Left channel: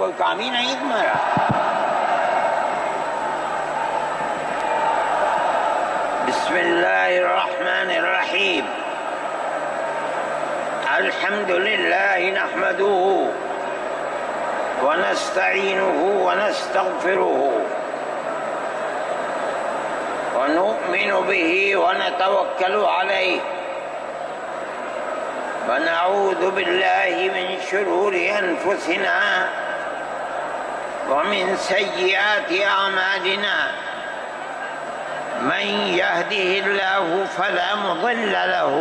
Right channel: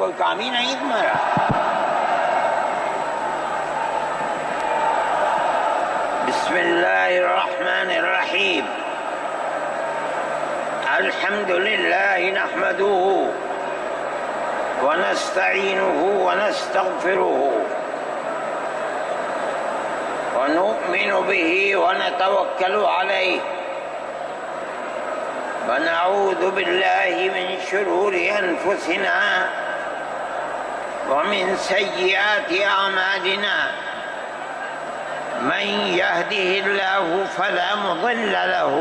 کوئی کام ہی نہیں تمہارا؟ بسم اللہ الرحمن الرحیم الحمد للہ نحمده ونستعینه ونستغفره ونؤمن به ونتوکل علیہ ونعوذ باللہ من شرور انفسنا ومن سیئات اعمالنا من يهده الله فلا مضل له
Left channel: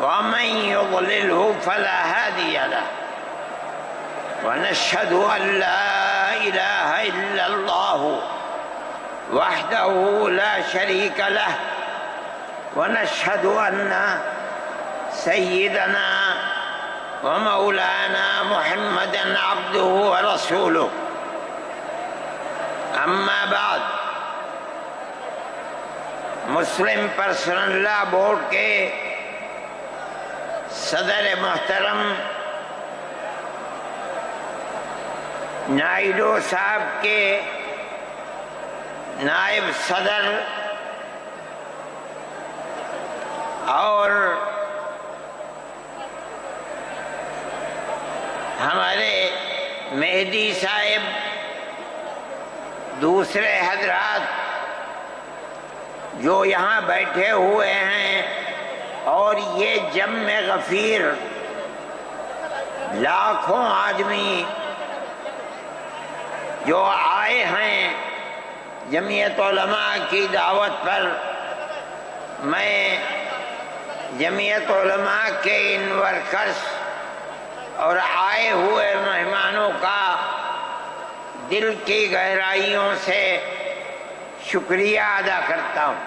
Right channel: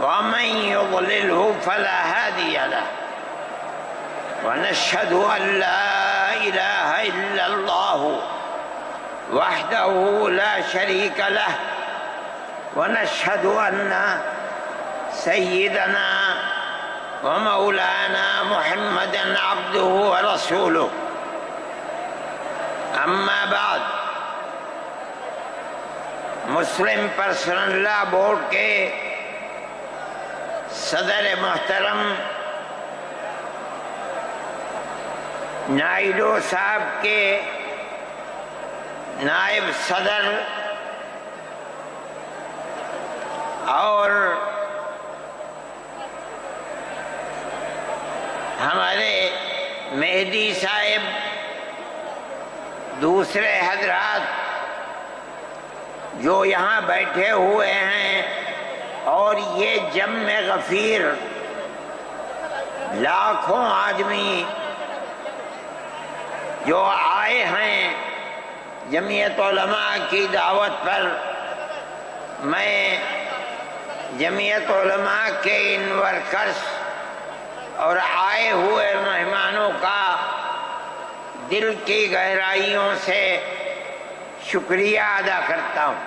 ومن يضلله فلا هادي له ونشهد أن لا إله إلا الله وحده لا شريك له ونشهد أن سيدنا ومولانا محمدا عبده ورسوله أما بعد مسلم پرسنل لا بورڈ کے صدر محترم نائیڈو صاحب کے نائب صدر اور ہمارے مہدی صاحب، دوسرے حضرات جو یہاں بیٹھے ہوئے ہیں، اور یہ جمع غفیر لاکھوں آدمی جو آئے ہیں جمعیت علماء کی دعوت پر، میں جمعیت علماء کے ان ورکرز اور آئے ہوئے مہمانوں کا دل کی گہرائیوں سے شکریہ ادا کرتا ہوں۔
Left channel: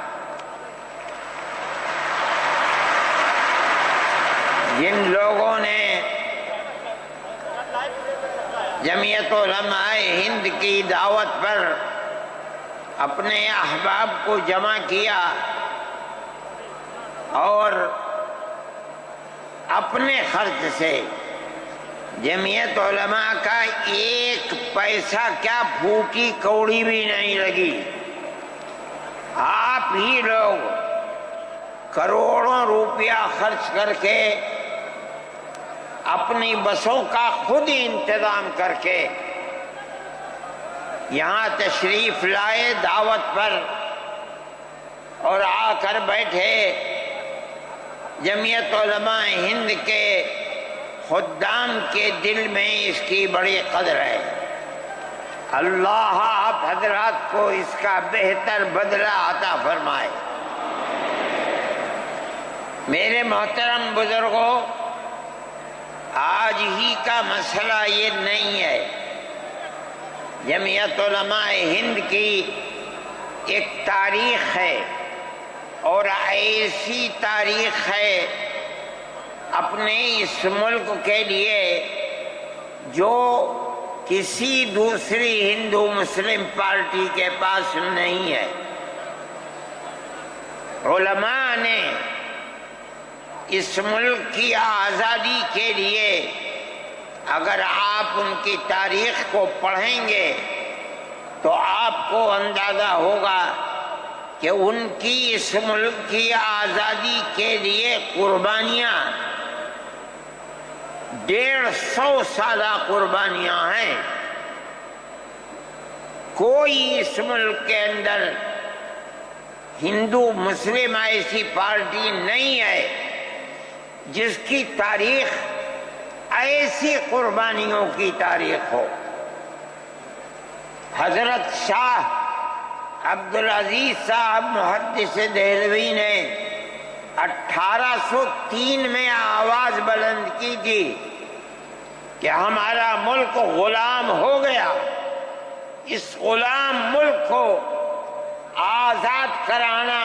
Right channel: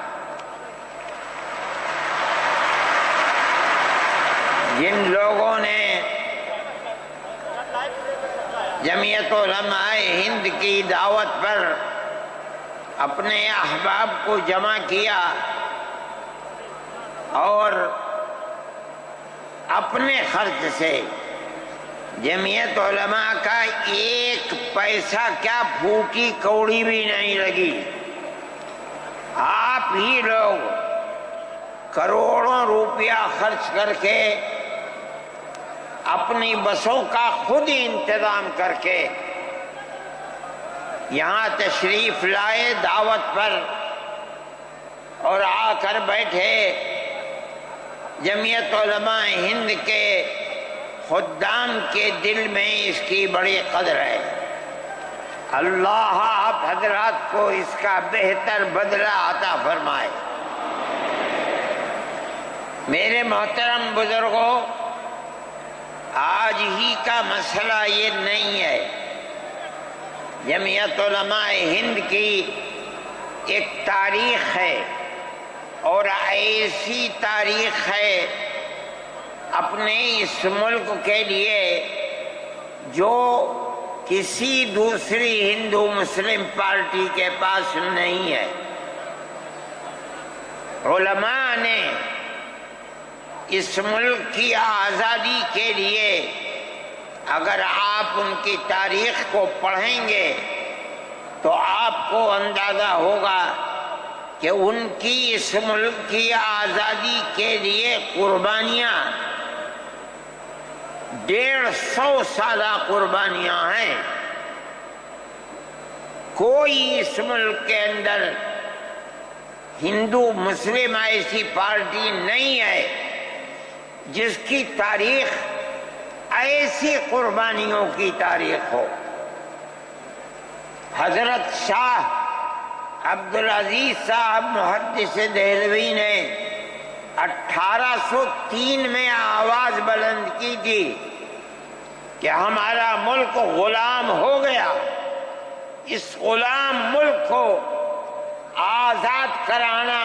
جن لوگوں نے جمعیت علماء ہند کی دعوت پر اپنے احباب کو جمع کیا اور اپنے خرچ سے جمعیت علماء کا ایک پیسہ کیا پھوٹی کوڑی بھی نہیں لگی، آپ ہی لوگ کروڑوں روپیہ خرچ کر کے اپنی بسوں کا خود ہی انتظام کر کے یہاں تشریف لائے دعوت پر اور آ کر بیٹھے۔ جمعیت علماء ہند کے خدام کے دل میں اس کی بڑی قدر ہے۔ اللہ آپ حضرات کو اس کا بہتر بدلہ عطا فرمائے۔ میرے محترم بزرگوں، آج ہی کا مسئلہ یہ نہیں ہے۔ جمعیت علماء ہند کی ایک تاریخ ہے، اور ایسی تاریخ ہے اپنے اس ملک کے لیے جو کسی دوسری ہندو مسلم پارٹی کے پاس نہیں ہے۔ علماء نے اس ملک کی آزادی کے لیے اگر آپ ان کی تاریخ کو پڑھیں گے تو آپ کو اندازہ ہوگا کہ ان کی اس ملک کی آزادی کے لیے قربانیاں 150 سالہ قربانیاں ہیں۔ کوئی اس ملک کے اندر ہندو مسلم ایسی پارٹی نہیں ہے جس کی تاریخ ایسی قربانیوں کی تاریخ ہو۔ حضرت شاہ عبدالعزیز صاحب محدث دہلوی نے 1803 میں آواز بلند کی تھی کہ ہمارا ملک غلام ہو گیا، اس غلام ملک کو آزاد کرانا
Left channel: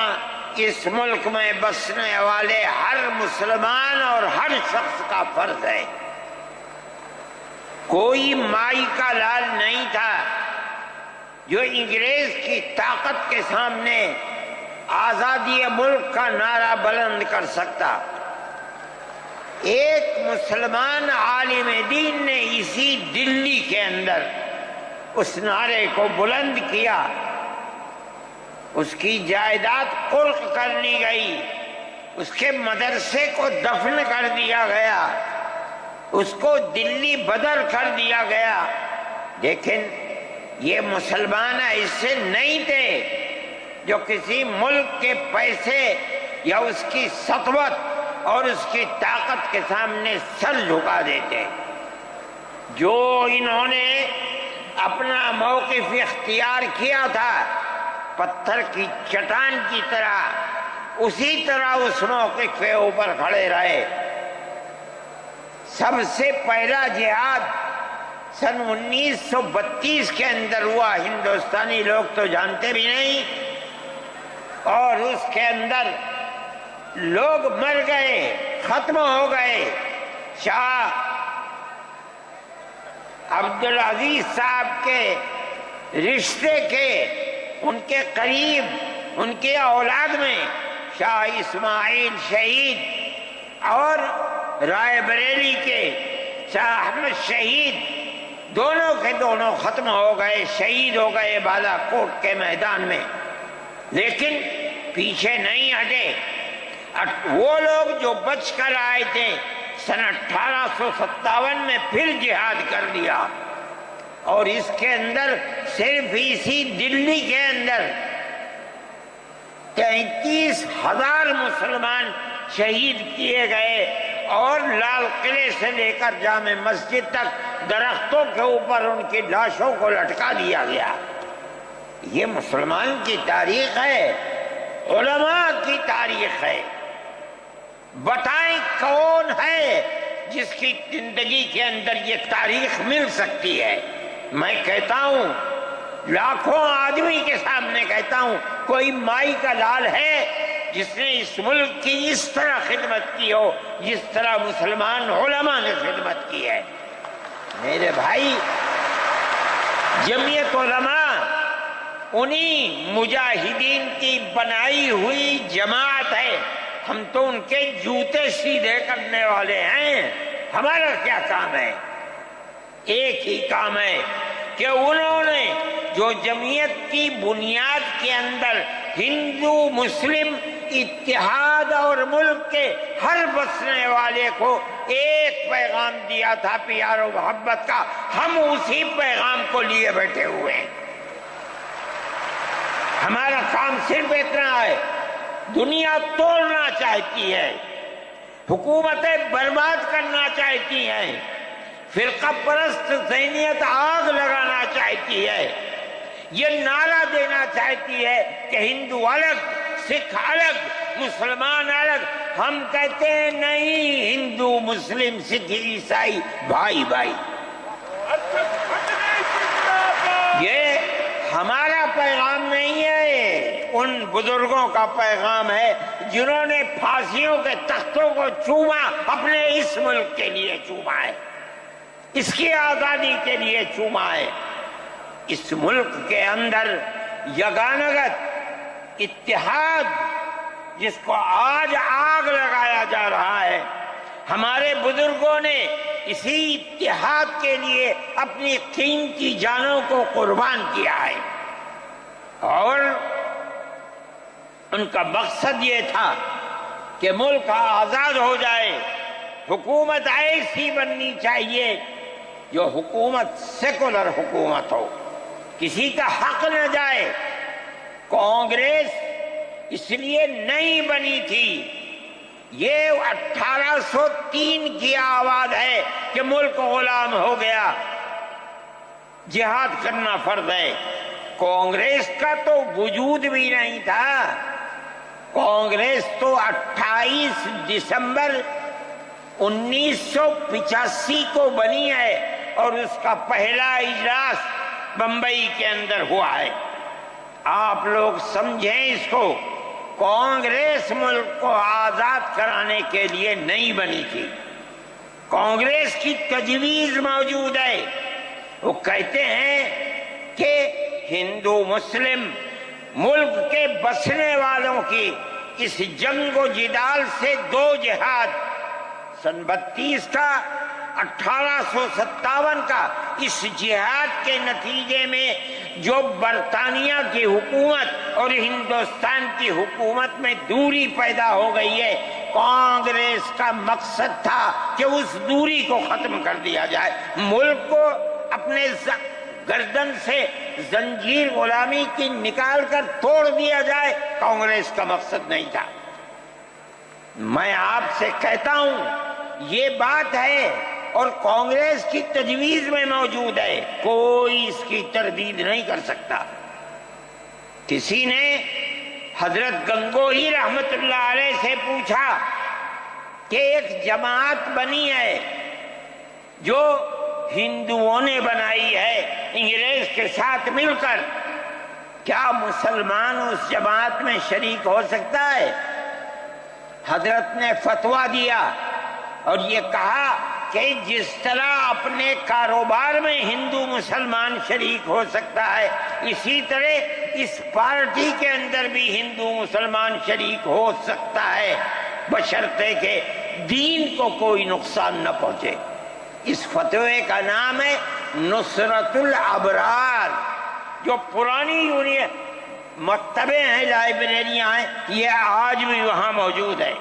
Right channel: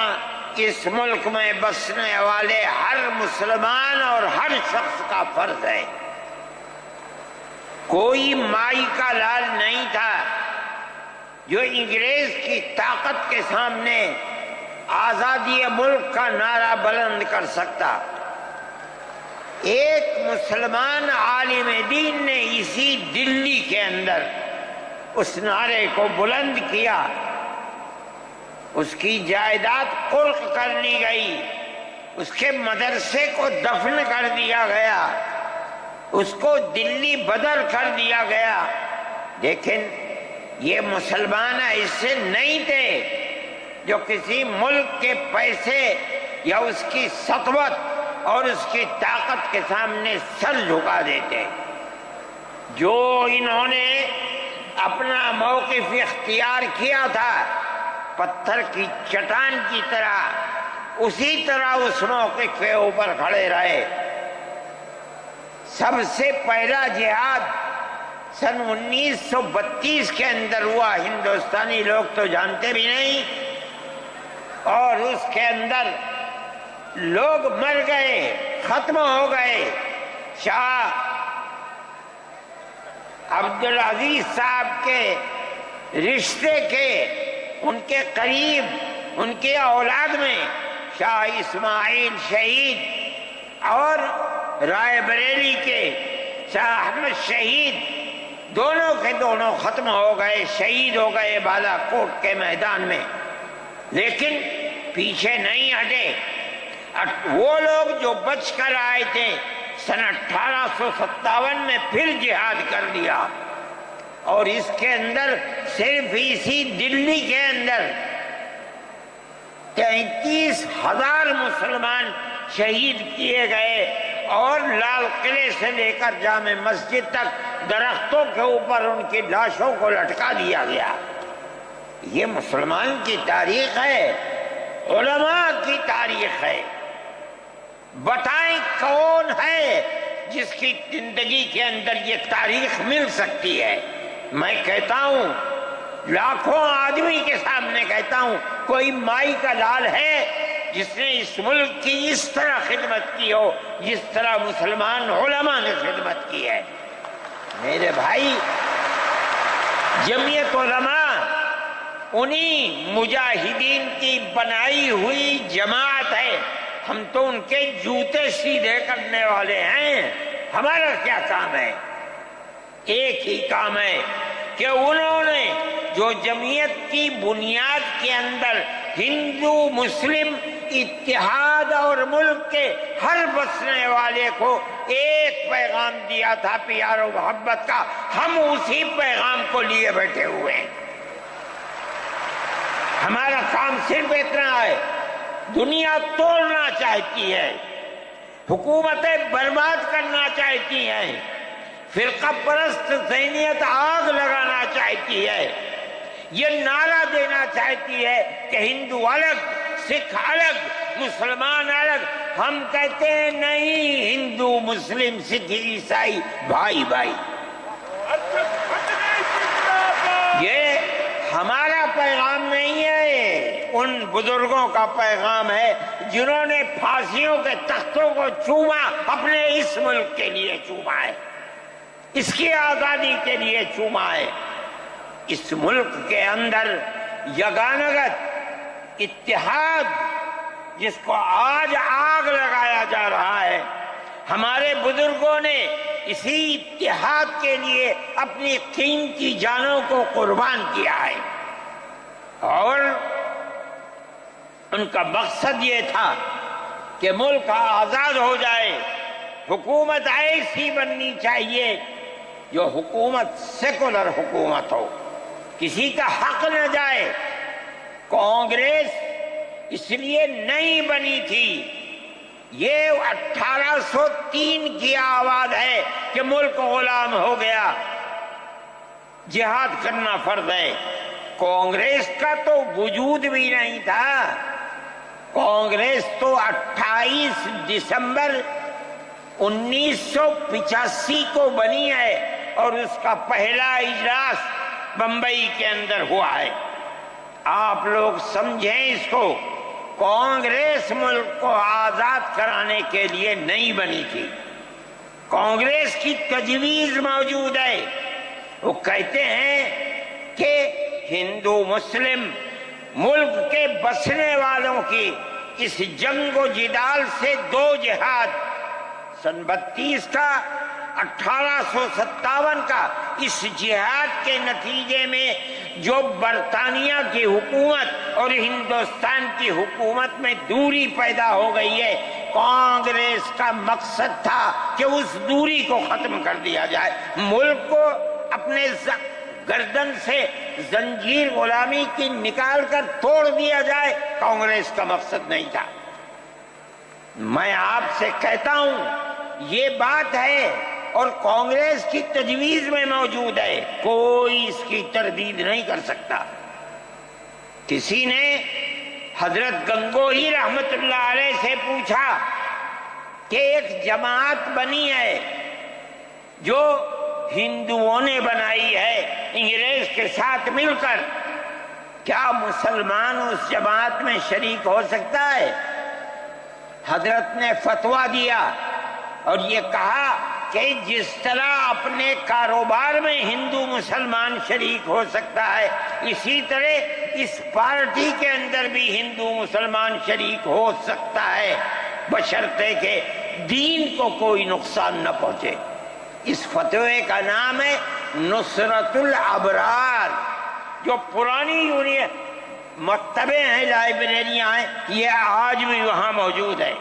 اس ملک میں بسنے والے ہر مسلمان اور ہر شخص کا فرض ہے۔ کوئی مائی کا لال نہیں تھا جو انگریز کی طاقت کے سامنے آزادی ملک کا نعرہ بلند کر سکتا۔ ایک مسلمان عالم دین نے اسی دلی کے اندر اس نعرے کو بلند کیا، اس کی جائیداد قلق کر لی گئی، اس کے مدرسے کو دفن کر دیا گیا، اس کو دلی بدر کر دیا گیا، لیکن یہ مسلمان ایسے نہیں تھے جو کسی ملک کے پیسے یا اس کی سطوت اور اس کی طاقت کے سامنے سر جھکا دیتے۔ جو انہوں نے اپنا موقف اختیار کیا تھا پتھر کی چٹان کی طرح، اسی طرح اس موقف کے اوپر کھڑے رہے۔ سب سے پہلا جہاد سن 1932 کے اندر ہوا، ہندوستانی لوگ تو جانتے بھی نہیں، اور اس کے اندر لوگ مر گئے، ختم ہو گئے۔ شاہ عبدالعزیز صاحب کے رشتے کے، ان کے قریب، ان کے اولاد میں شاہ اسماعیل شہید اور رائے بریلی کے شاہ احمد شہید، دونوں کے دونوں ختم ہو گئے، شہید ہو گئے بالا کوٹ کے میدان میں۔ لیکن پیچھے نہیں ہٹے۔ وہ لوگ جو بچ کر آئے تھے سن 1857 میں پھر جہاد کر دیا، اور اس کے اندر صرف اسی دلی کے اندر 33,000 مسلمان شہید کیے گئے، اور لال قلعے سے لے کر جامع مسجد تک درختوں کے اوپر ان کی لاشوں کو لٹکا دیا گیا۔ یہ مسلمان کی تاریخ ہے، علماء کی تاریخ ہے۔ بتائیں کون ہے جس کی زندگی کے اندر یہ تاریخ مل سکتی ہے؟ میں کہتا ہوں، لاکھوں آدمی کے سامنے کہتا ہوں، کوئی مائی کا لال ہے جس نے اس ملک کی اس طرح خدمت کی ہو جس طرح مسلمان علماء نے خدمت کی ہے؟ میرے بھائی، جمعیت علماء انہی مجاہدین کی بنائی ہوئی جماعت ہے۔ ہم تو ان کے جوتے سیدھے کرنے والے ہیں۔ ہمارا کیا کام ہے؟ ایک ہی کام ہے کہ انہوں نے جو جمعیت کی بنیاد کے اندر ہندو مسلم اتحاد اور ملک کے ہر بسنے والے کو ایک پیغام دیا تھا پیار و محبت کا، ہم اسی پیغام کو لیے بیٹھے ہوئے ہیں۔ ہمارا کام صرف اتنا ہے۔ دنیا توڑنا چاہتی ہے، حکومتیں برباد کرنا چاہتی ہیں، فرقہ پرست ذہنیت آگ لگانا چاہتی ہے، یہ نعرہ دینا چاہتی ہے کہ ہندو الگ، سکھ الگ، مسلمان الگ۔ ہم کہتے ہیں نہیں، ہندو مسلم سکھ عیسائی بھائی بھائی۔ یہ ہمارا پیغام نہیں ہے، ان بزرگوں کا پیغام ہے جنہوں نے پھانسیوں کے تختوں کو چوما، اپنے اس ملک کے لیے چوما ہے، اس کی آزادی کے لیے چوما ہے۔ اس ملک کے اندر یگانگت اتحاد جس کو آج آگ لگایا جا رہا ہے، ہمارے بزرگوں نے اسی اتحاد کے لیے اپنی قیمتی جانوں کو قربان کیا ہے، اور ان کا مقصد یہ تھا کہ ملک آزاد ہو جائے۔ حکومت ایسی بننی چاہیے جو حکومت سیکولر حکومت ہو، کسی کا حق نہ جائے۔ کانگریس اس لیے نہیں بنی تھی، یہ 1803 کی آواز ہے کہ ملک غلام ہو گیا، جہاد کرنا فرض ہے۔ کانگریس کا تو وجود بھی نہیں تھا۔ کانگریس تو 28 دسمبر 1985 کو بنی ہے، اور اس کا پہلا اجلاس بمبئی کے اندر ہوا ہے۔ آپ لوگ سمجھیں اس کو، کانگریس ملک کو آزاد کرانے کے لیے نہیں بنی تھی۔ کانگریس کی تجویز موجود ہے، وہ کہتے ہیں کہ ہندو مسلم ملک کے بسنے والوں کی اس جنگ و جدال سے دو جہاد سن 32 کا 1857 کا اس جہاد کے نتیجے میں جو برطانیہ کی حکومت اور ہندوستان کی حکومت میں دوری پیدا ہو گئی ہے، کانگریس کا مقصد تھا کہ اس دوری کو ختم کر دیا جائے، ملک کو اپنے گردن سے زنجیر غلامی کی نکال کر توڑ دیا جائے۔ کانگریس کا مقصد نہیں تھا۔ میں آپ سے کہتا ہوں یہ بات ہے اور کانگریس کی تجویز میں موجود ہے، کوئی اس کی تردید نہیں کر سکتا۔ کسی نے حضرت گنگوہی رحمت اللہ علیہ سے پوچھا کہ ایک جماعت بنی ہے جو ہندوؤں نے بنائی ہے انگریز کے ساتھ مل کر، کیا مسلمان اس جماعت میں شریک ہو سکتا ہے؟ حضرت نے فتویٰ دیا اور یہ کہا کہ جس طرح اپنے کاروبار میں ہندو مسلمان شریک ہو سکتا ہے، اسی طرح اس پارٹی کے اندر بھی ہندو مسلمان شریک ہو سکتا ہے، بشرطے کہ دین کو کوئی نقصان نہ پہنچے۔ اس فتوے کا نام ہے نصرت الابرار، جو پرانی یونین مکتبیں ہیں، لائبریریاں ہیں، یہ آج بھی وہاں موجود ہے۔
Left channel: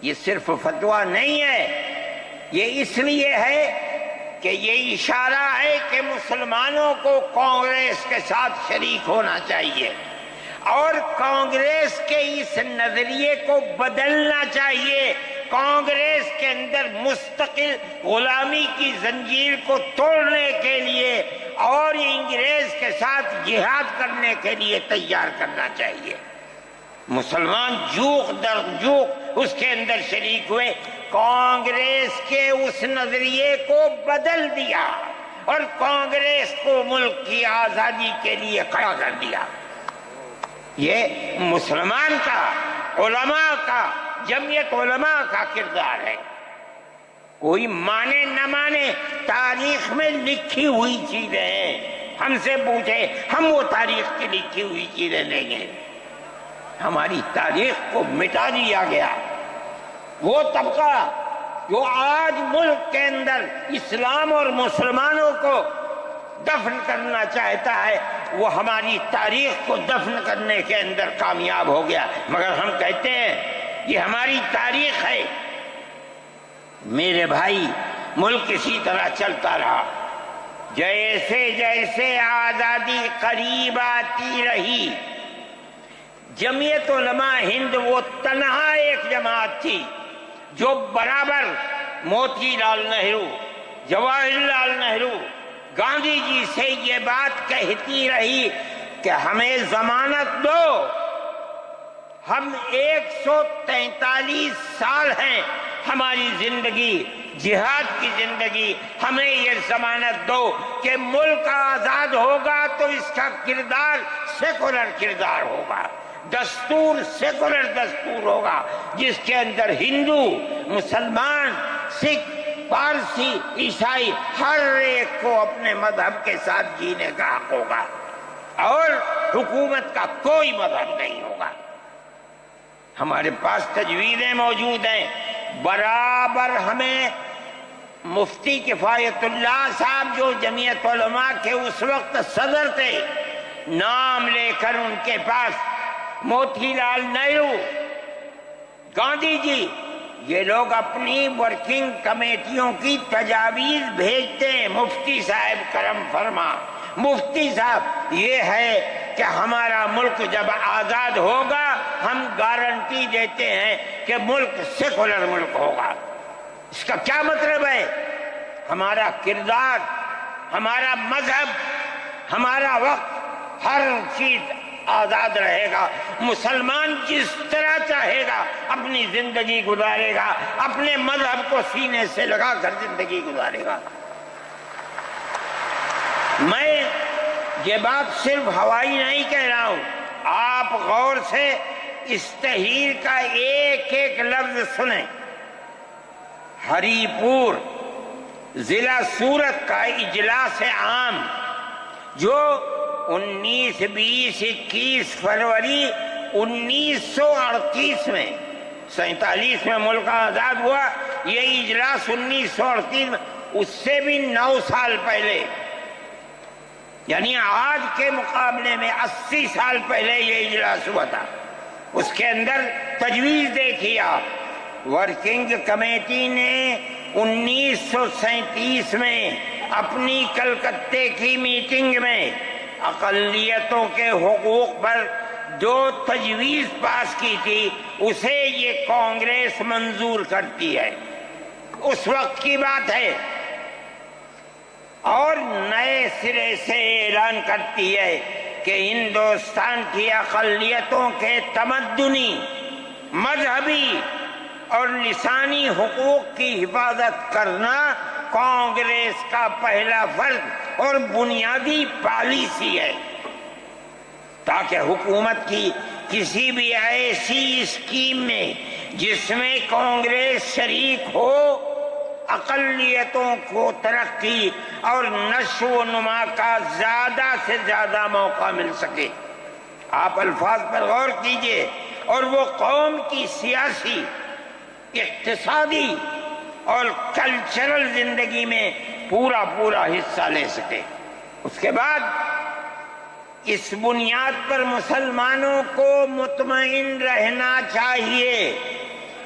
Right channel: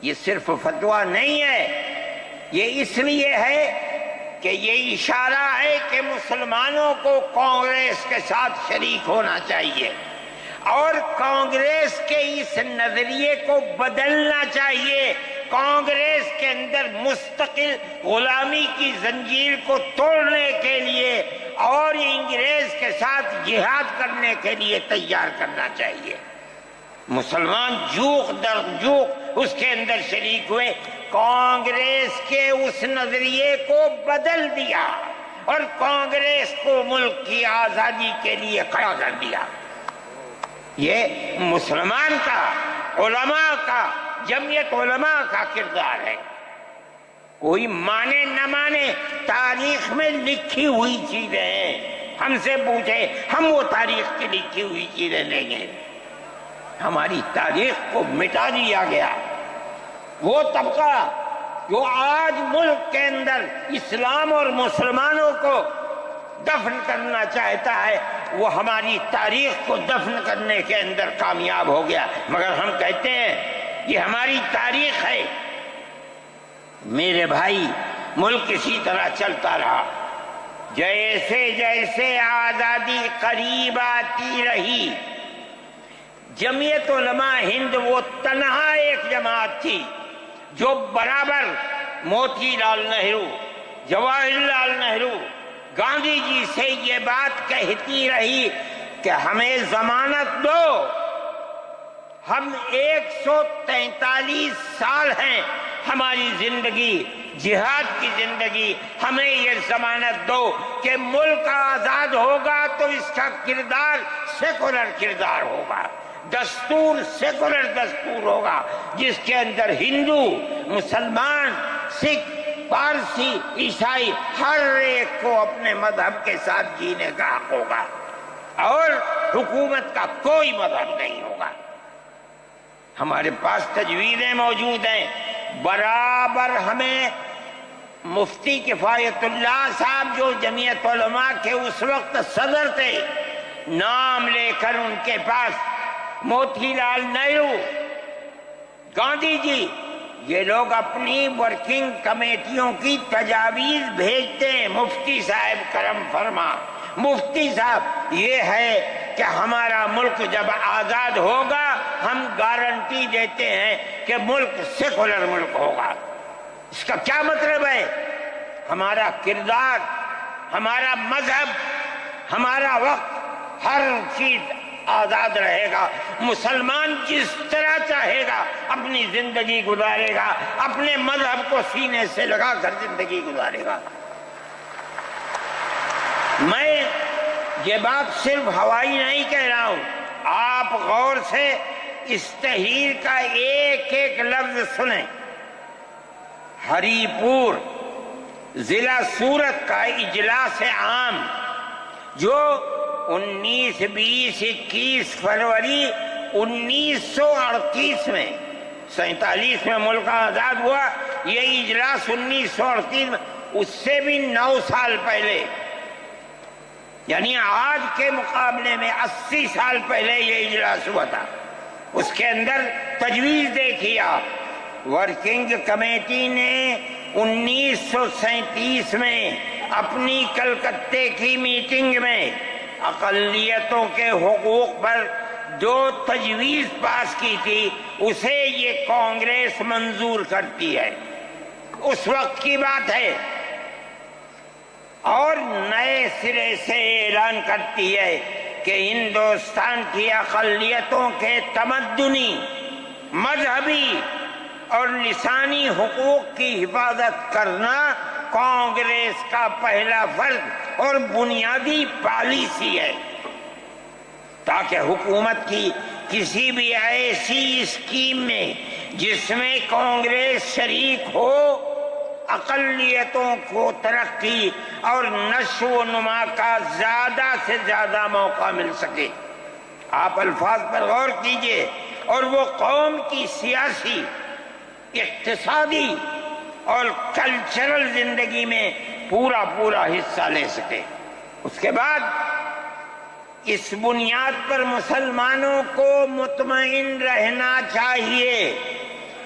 یہ صرف فتویٰ نہیں ہے، یہ اس لیے ہے کہ یہ اشارہ ہے کہ مسلمانوں کو کانگریس کے ساتھ شریک ہونا چاہیے اور کانگریس کے اس نظریے کو بدلنا چاہیے۔ کانگریس کے اندر مستقل غلامی کی زنجیر کو توڑنے کے لیے اور انگریز کے ساتھ جہاد کرنے کے لیے تیار کرنا چاہیے۔ مسلمان جوق در جوق اس کے اندر شریک ہوئے، کانگریس کے اس نظریے کو بدل دیا اور کانگریس کو ملک کی آزادی کے لیے کھڑا کر دیا۔ یہ مسلمان کا، علماء کا، جمعیت علماء کا کردار ہے۔ کوئی مانے نہ مانے، تاریخ میں لکھی ہوئی چیزیں ہیں، ہم سے پوچھے ہم وہ تاریخ کی لکھی ہوئی چیزیں لیں گے۔ ہماری تاریخ کو مٹا دیا گیا۔ وہ طبقہ جو آج ملک کے اندر اسلام اور مسلمانوں کو دفن کرنا چاہتا ہے، وہ ہماری تاریخ کو دفن کرنے کے اندر کامیاب ہو گیا، مگر ہم کہتے ہیں یہ ہماری تاریخ ہے۔ میرے بھائی، ملک اسی طرح چلتا رہا، جیسے جیسے آزادی قریب آتی رہی، جمعیت علماء ہند وہ تنہا ایک جماعت تھی جو برابر موتی لال نہرو، جواہر لال نہرو، گاندھی جی سے یہ بات کہتی رہی کہ ہمیں ضمانت دو، ہم 143 سال ہیں ہماری زندگی، جہاد کی زندگی، ہمیں یہ ضمانت دو کہ ملک آزاد ہوگا تو اس کا کردار سیکولر کردار ہوگا، دستور سیکولر دستور ہوگا، جس کے اندر ہندو، مسلمان، سکھ، پارسی، عیسائی ہر ایک کو اپنے مذہب کے ساتھ جینے کا حق ہوگا اور حکومت کا کوئی مذہب نہیں ہوگا۔ ہمارے پاس تجویزیں موجود ہیں، برابر ہمیں مفتی کفایت اللہ صاحب جو جمعیت علماء کے اس وقت صدر تھے، نام لے کر ان کے پاس موتی لال نہرو، گاندھی جی، یہ لوگ اپنی ورکنگ کمیٹیوں کی تجاویز بھیجتے ہیں، مفتی صاحب کرم فرما، مفتی صاحب یہ ہے کہ ہمارا ملک جب آزاد ہوگا ہم گارنٹی دیتے ہیں کہ ملک سیکولر ملک ہوگا۔ اس کا کیا مطلب ہے؟ ہمارا کردار، ہمارا مذہب، ہمارا وقت، ہر چیز آزاد رہے گا، مسلمان جس طرح چاہے گا اپنی زندگی گزارے گا، اپنے مذہب کو سینے سے لگا کر زندگی گزارے گا۔ میں یہ بات صرف ہوائی نہیں کہہ رہا ہوں، آپ غور سے اس تحریر کا ایک ایک لفظ سنیں۔ ہری پور ضلع سورت کا اجلاس عام جو 19، 20، 21 فروری 1938 میں 47 میں ملک آزاد ہوا، یہ اجلاس 1938 میں، اس سے بھی 9 سال پہلے، یعنی آج کے مقابلے میں 80 سال پہلے یہ اجلاس ہوا تھا۔ اس کے اندر تجویز دیکھیے آپ، ورکنگ کمیٹی نے 1937 میں اپنی کلکتے کی میٹنگ میں اقلیتوں کے حقوق پر جو تجویز پاس کی تھی اسے یہ کانگریس منظور کرتی ہے، اس وقت کی بات ہے، اور نئے سرے سے اعلان کرتی ہے کہ ہندوستان کی اقلیتوں کے تمدنی، مذہبی اور لسانی حقوق کی حفاظت کرنا کانگریس کا پہلا فرض اور بنیادی پالیسی ہے، تاکہ حکومت کی کسی بھی ایسی اسکیم میں جس میں کانگریس شریک ہو، اقلیتوں کو ترقی اور نشو و نما کا زیادہ سے زیادہ موقع مل سکے۔ آپ الفاظ پر غور کیجئے، اور وہ قوم کی سیاسی، اقتصادی اور کلچرل زندگی میں پورا حصہ لے سکے۔ اس کے بعد اس بنیاد پر مسلمانوں کو مطمئن رہنا چاہیے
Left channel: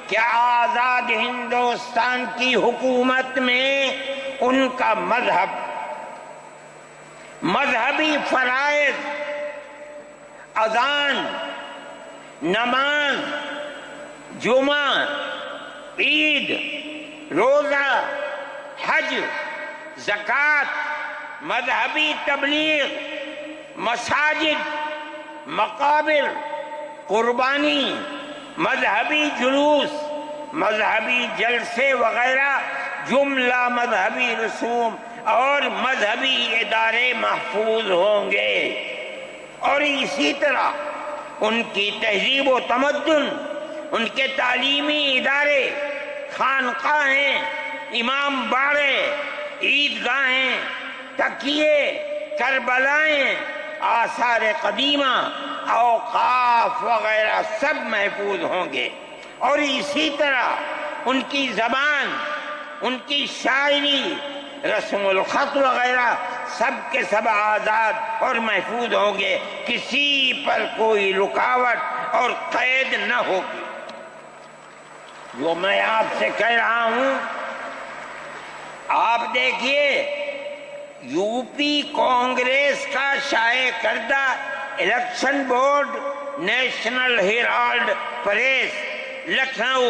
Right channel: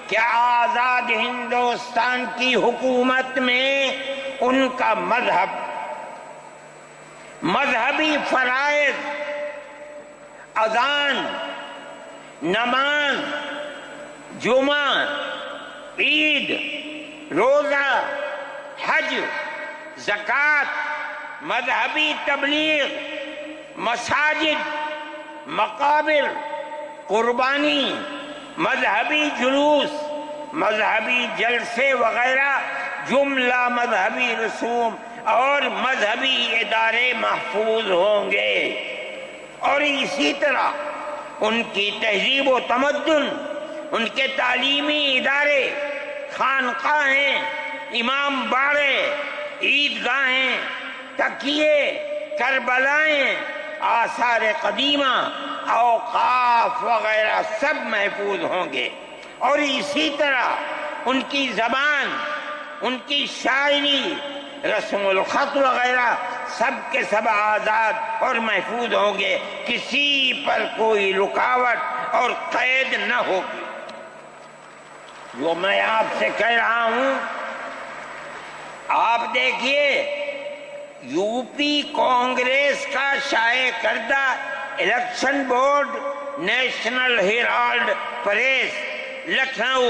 کہ آزاد ہندوستان کی حکومت میں ان کا مذہب، مذہبی فرائض، اذان، نماز، جمعہ، عید، روزہ، حج، زکوٰۃ، مذہبی تبلیغ، مساجد، مقابر، قربانی، مذہبی جلوس، مذہبی جلسے وغیرہ جملہ مذہبی رسوم اور مذہبی ادارے محفوظ ہوں گے، اور اسی طرح ان کی تہذیب و تمدن، ان کے تعلیمی ادارے، خانقاہیں، امام باڑے، عیدگاہیں، تکیے، کربلائیں، آثار قدیمہ، اوقاف وغیرہ سب محفوظ ہوں گے، اور اسی طرح ان کی زبان، ان کی شاعری، رسم الخط وغیرہ سب کے سب آزاد اور محفوظ ہوں گے، کسی پر کوئی رکاوٹ اور قید نہ ہوگی۔ جو میں آپ سے کہہ رہا ہوں، آپ دیکھیے، یو پی کانگریس کا شائع کردہ election board, National Herald press, Lucknow,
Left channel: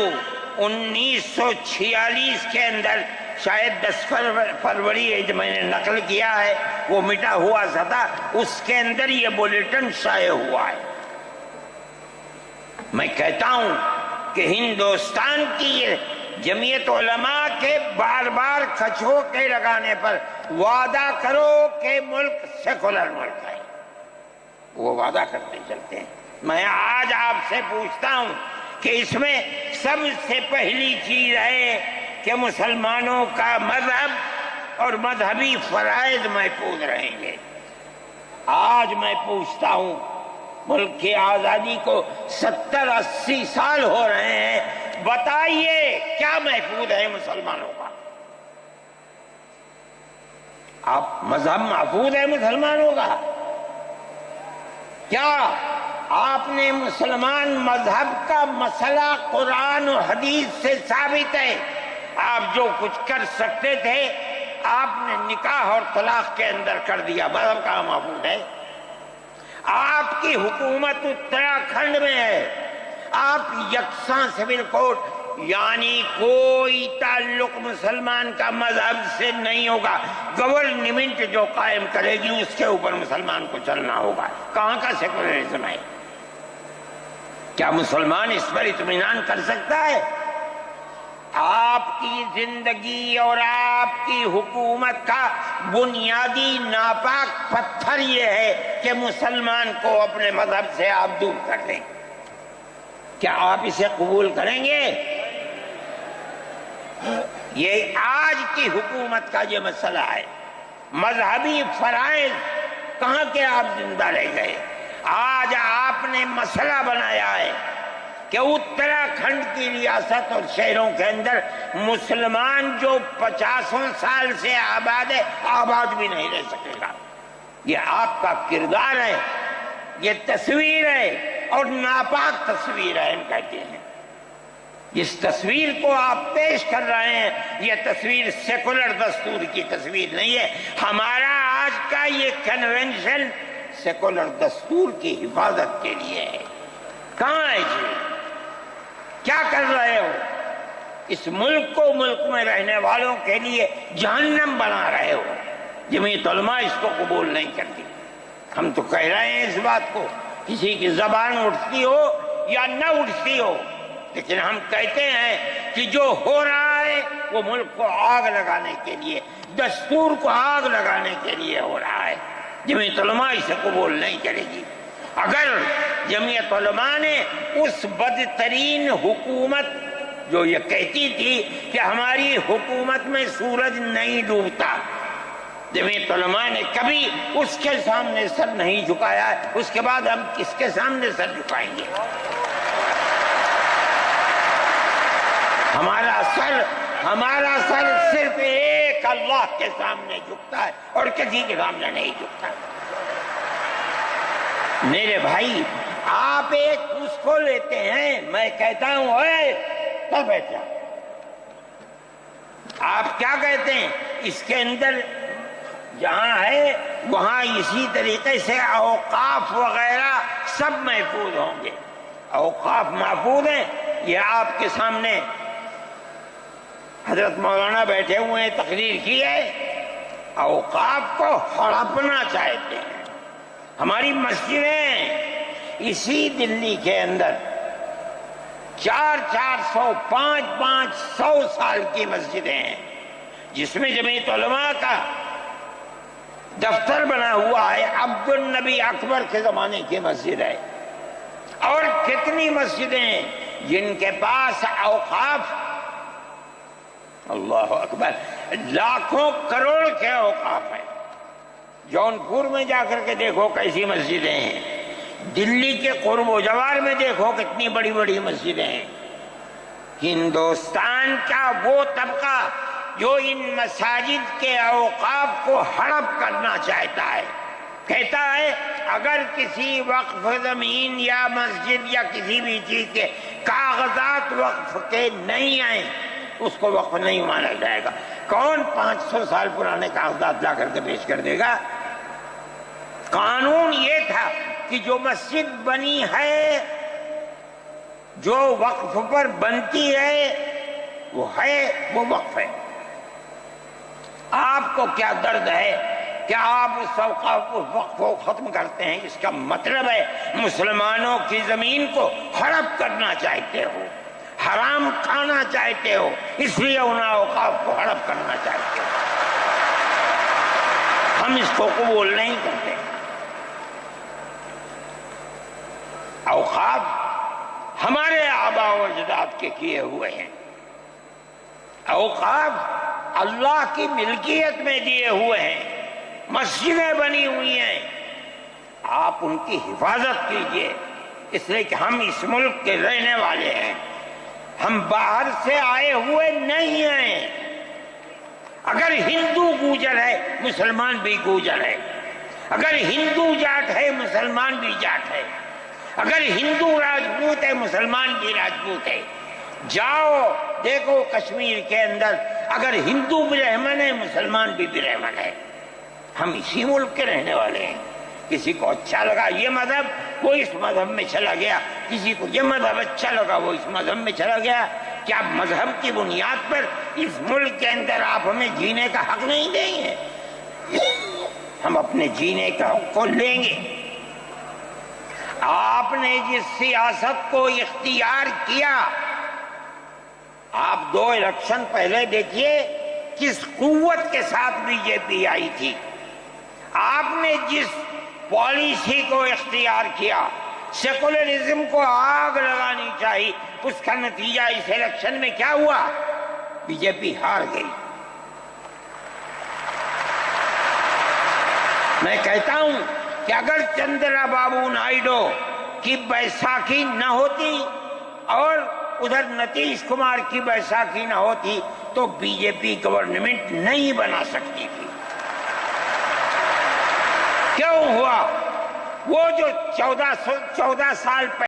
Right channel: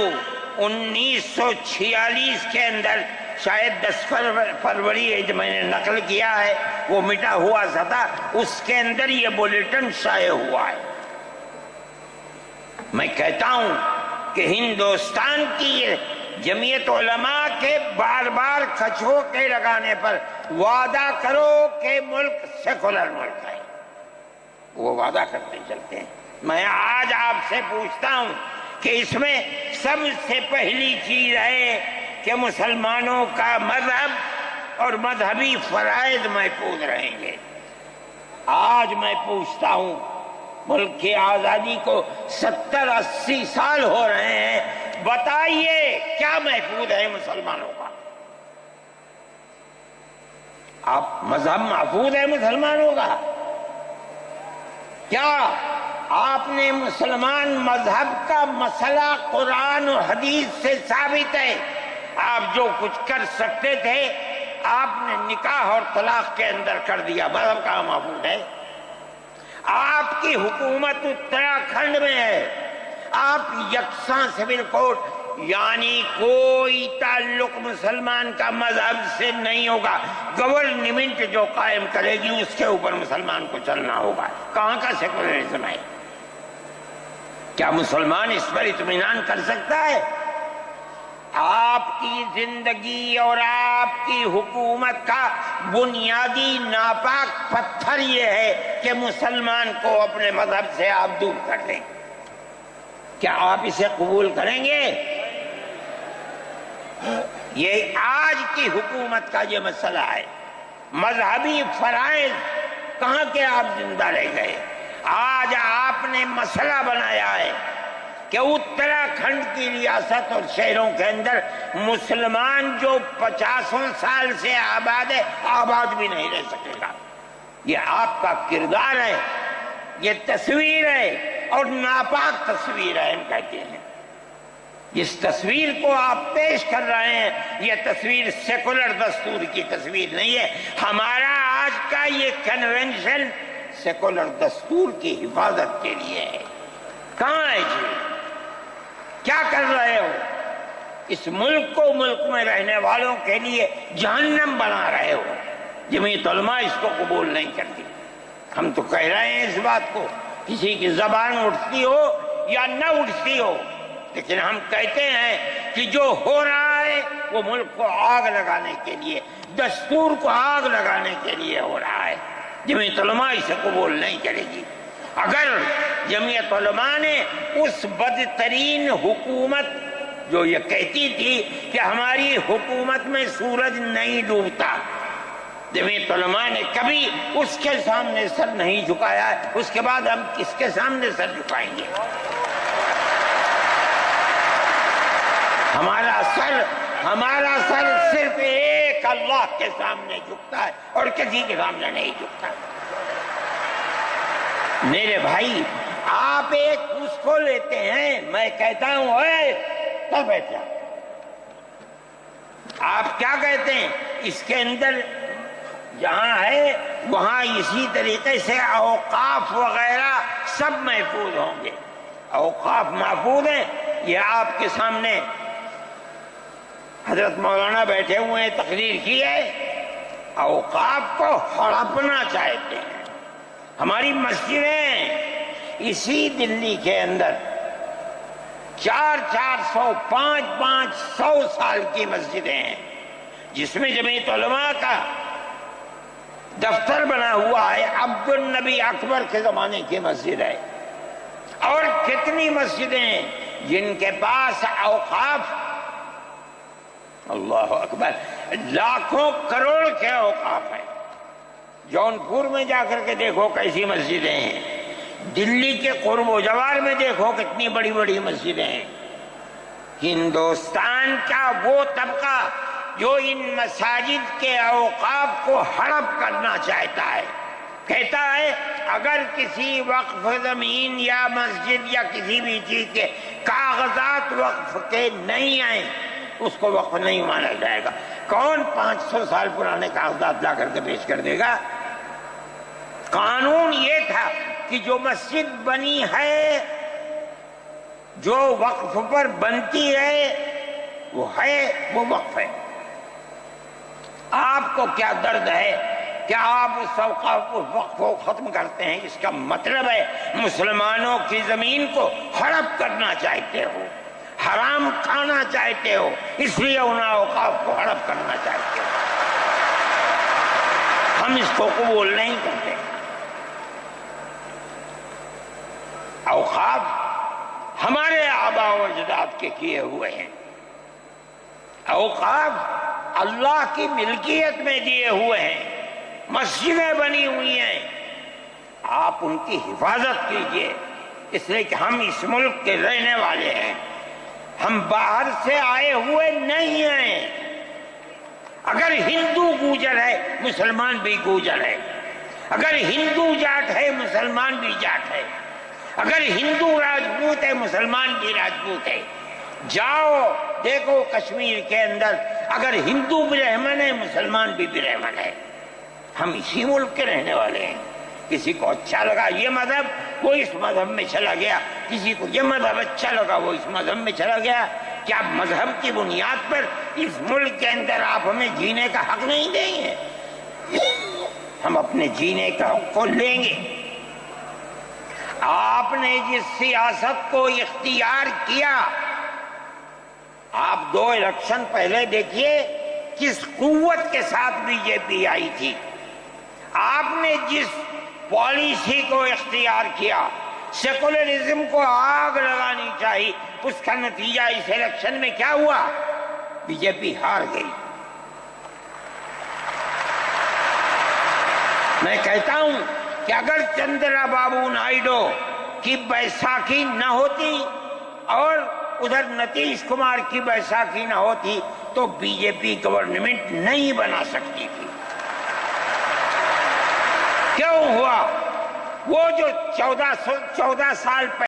1946 کے اندر، شاید 10 فروری جو میں نے نقل کیا ہے وہ مٹا ہوا تھا، اس کے اندر یہ بلیٹن شائع ہوا ہے۔ میں کہتا ہوں کہ ہندوستان کی جمعیت علماء کے بار بار کھچوکے لگانے پر وعدہ کرو کہ ملک سیکولر ملک ہے، وہ وعدہ کرتے چلتے ہیں۔ میں آج آپ سے پوچھتا ہوں کہ اس میں سب سے پہلی چیز ہے کہ مسلمانوں کا مذہب اور مذہبی فرائض محفوظ رہیں گے۔ آج میں پوچھتا ہوں، ملک کی آزادی کو 70-80 سال ہو رہے ہیں، بتائیے کیا محفوظ ہے مسلمانوں کا؟ آپ مذہب محفوظ ہے مسلمانوں کا؟ کیا آپ نے مسلمان مذہب کا مسئلہ قرآن و حدیث سے ثابت ہے؟ آپ جو کچھ کر سکتے تھے آپ نے نکاح اور طلاق کے اندر کر دیا، مذہب کہاں محفوظ ہے؟ آپ کی حکومت اتراکھنڈ میں ہے، آپ یکساں سول کوڈ، یعنی کوئی تعلق مسلمان کا مذہب سے نہیں ہوگا، گورنمنٹ جو قائم کرے گی اس کے اوپر مسلمان کو چلنا ہوگا۔ کہاں کا سیکولرزم ہے؟ کیا مسلمان اس پر اطمینان کر سکتا ہے؟ آپ کی زندگی اور آپ کی حکومت کا بنیادی ناپاک پتھر یہ ہے کہ مسلمان کو اپنے مذہب سے آپ دور کر دیں۔ کیا آپ اسے قبول کریں گے؟ یہ آج کی حکومت کا یہ مسئلہ ہے۔ مذہبی فرائض کہاں کے آپ زندہ رہ گئے؟ آج آپ نے مسئلہ بنایا ہے کہ اتراکھنڈ کی ریاست اور شہروں کے اندر مسلمان جو 50 سال سے آباد ہے، آباد بھی نہیں رہ سکے گا۔ یہ آپ کا کردار ہے، یہ تصویر ہے اور ناپاک تصویر ہے، ہم کہتے ہیں۔ جس تصویر کو آپ پیش کر رہے ہیں یہ تصویر سیکولر دستور کی تصویر نہیں ہے۔ ہمارا آج کا یہ کنونشن سیکولر دستور کی حفاظت کے لیے ہے۔ کہاں ہے جی؟ کیا کر رہے ہو؟ اس ملک کو، ملک میں رہنے والوں کے لیے جہنم بنا رہے ہو۔ جمعیت علماء اس کو قبول نہیں کرتی۔ ہم تو کہہ رہے ہیں اس بات کو، کسی کی زبان اٹھتی ہو یا نہ اٹھتی ہو، لیکن ہم کہتے ہیں کہ جو ہو رہا ہے وہ ملک کو آگ لگانے کے لیے، دستور کو آگ لگانے کے لیے ہو رہا ہے۔ جمعیت علماء اسے قبول نہیں کرے گی۔ اگر جمعیت علماء نے اس بدترین حکومت جو یہ کہتی تھی کہ ہماری حکومت میں سورج نہیں ڈوبتا، جمعیت علماء نے کبھی اس کے سامنے سر نہیں جھکایا ہے، اس کے بعد ہم کس کے سامنے سر جھکائیں گے؟ ہمارا سر صرف ایک اللہ کے سامنے جھکتا ہے اور کسی کے سامنے نہیں جھکتا۔ میرے بھائی، آپ ایک اس کو لیتے ہیں، میں کہتا ہوں اے تب بیٹھ جا۔ آپ کیا کہتے ہیں؟ اس کے اندر جہاں ہے وہاں اسی طریقے سے اوقاف وغیرہ سب محفوظ ہوں گے۔ اوقاف محفوظ ہیں، یہ آپ کے سامنے حضرت مولانا بیٹھے ہوئے ہیں، تقریر کی ہے۔ اوقاف کو ہڑپنا چاہتے ہیں۔ ہماری مسجدیں اسی دلی کے اندر 400 500 سال کی مسجدیں ہیں، جس میں جمعیت علماء کا دفتر بنا ہوا ہے، عبد النبی اکبر کے زمانے کی مسجد ہے۔ اور کتنی مسجدیں ہیں جن کے پاس اوقاف، اللہ اکبر، لاکھوں کروڑ کے اوقاف ہیں۔ جونپور میں جا کر کے دیکھو کیسی مسجدیں ہیں، دلی کے قرب و جوار میں دیکھو کتنی بڑی بڑی مسجدیں ہیں۔ ہندوستان کا وہ طبقہ جو ان مساجد کے اوقاف کو ہڑپ کرنا چاہتا ہے، کہتا ہے اگر کسی وقف زمین یا مسجد یا کسی بھی چیز کے کاغذات وقف کے نہیں آئیں اس کو وقف نہیں مانا جائے گا۔ کون 500 سال پرانے کاغذات لا کر کے پیش کر دے گا؟ قانون یہ تھا کہ جو مسجد بنی ہے، جو وقف پر بنتی ہے، وہ وقف ہے۔ آپ کو کیا درد ہے کہ آپ اس وقف کو ختم کرتے ہیں؟ اس کا مطلب ہے مسلمانوں کی زمین کو ہڑپ کرنا چاہتے ہو، حرام کھانا چاہتے ہو، اس لیے ان اوقاف کو ہڑپ کرنا چاہتے ہو۔ ہم اس کو قبول نہیں کرتے۔ اوقاف ہمارے آباء و اجداد کے کیے ہوئے ہیں۔ اوقاف اللہ کی ملکیت میں دیے ہوئے ہیں، مسجدیں بنی ہوئی ہیں، آپ ان کی حفاظت کیجئے، اس لیے کہ ہم اس ملک کے رہنے والے ہیں، ہم باہر سے آئے ہوئے نہیں ہیں۔ اگر ہندو گوجر ہے مسلمان بھی گوجر ہے، اگر ہندو جاٹ ہے مسلمان بھی جاٹ ہے، اگر ہندو راجپوت ہے مسلمان بھی راجپوت ہے۔ جاؤ دیکھو کشمیر کے اندر، اگر ہندو برہمن ہے مسلمان بھی برہمن ہے۔ ہم اسی ملک کے رہنے والے ہیں۔ کسی کو اچھا لگا یہ مذہب وہ اس مذہب میں چلا گیا، کسی کو یہ مذہب اچھا لگا وہ اس مذہب میں چلا گیا۔ کیا مذہب کی بنیاد پر اس ملک کے اندر آپ ہمیں جینے کا حق نہیں دیں گے؟ ہم اپنے جینے کا حق کو لیں گے۔ آپ نے جس سیاست کو اختیار کیا، آپ 2 الیکشن پہلے دیکھیے کس قوت کے ساتھ بی جے پی آئی تھی۔ آپ نے جس پالیسی کو اختیار کیا، سیکولرزم کو آگ لگانی چاہیے، اس کا نتیجہ اس الیکشن میں کیا ہوا؟ بی جے پی ہار گئی۔ میں کہتا ہوں کہ اگر چندرا بابو نائیڈو کی بیساکھی نہ ہوتی اور ادھر نتیش کمار کی بیساکھی نہ ہوتی تو بی جے پی گورنمنٹ نہیں بنا سکتی تھی۔ کیوں ہوا؟ وہ جو 14 سال پہلے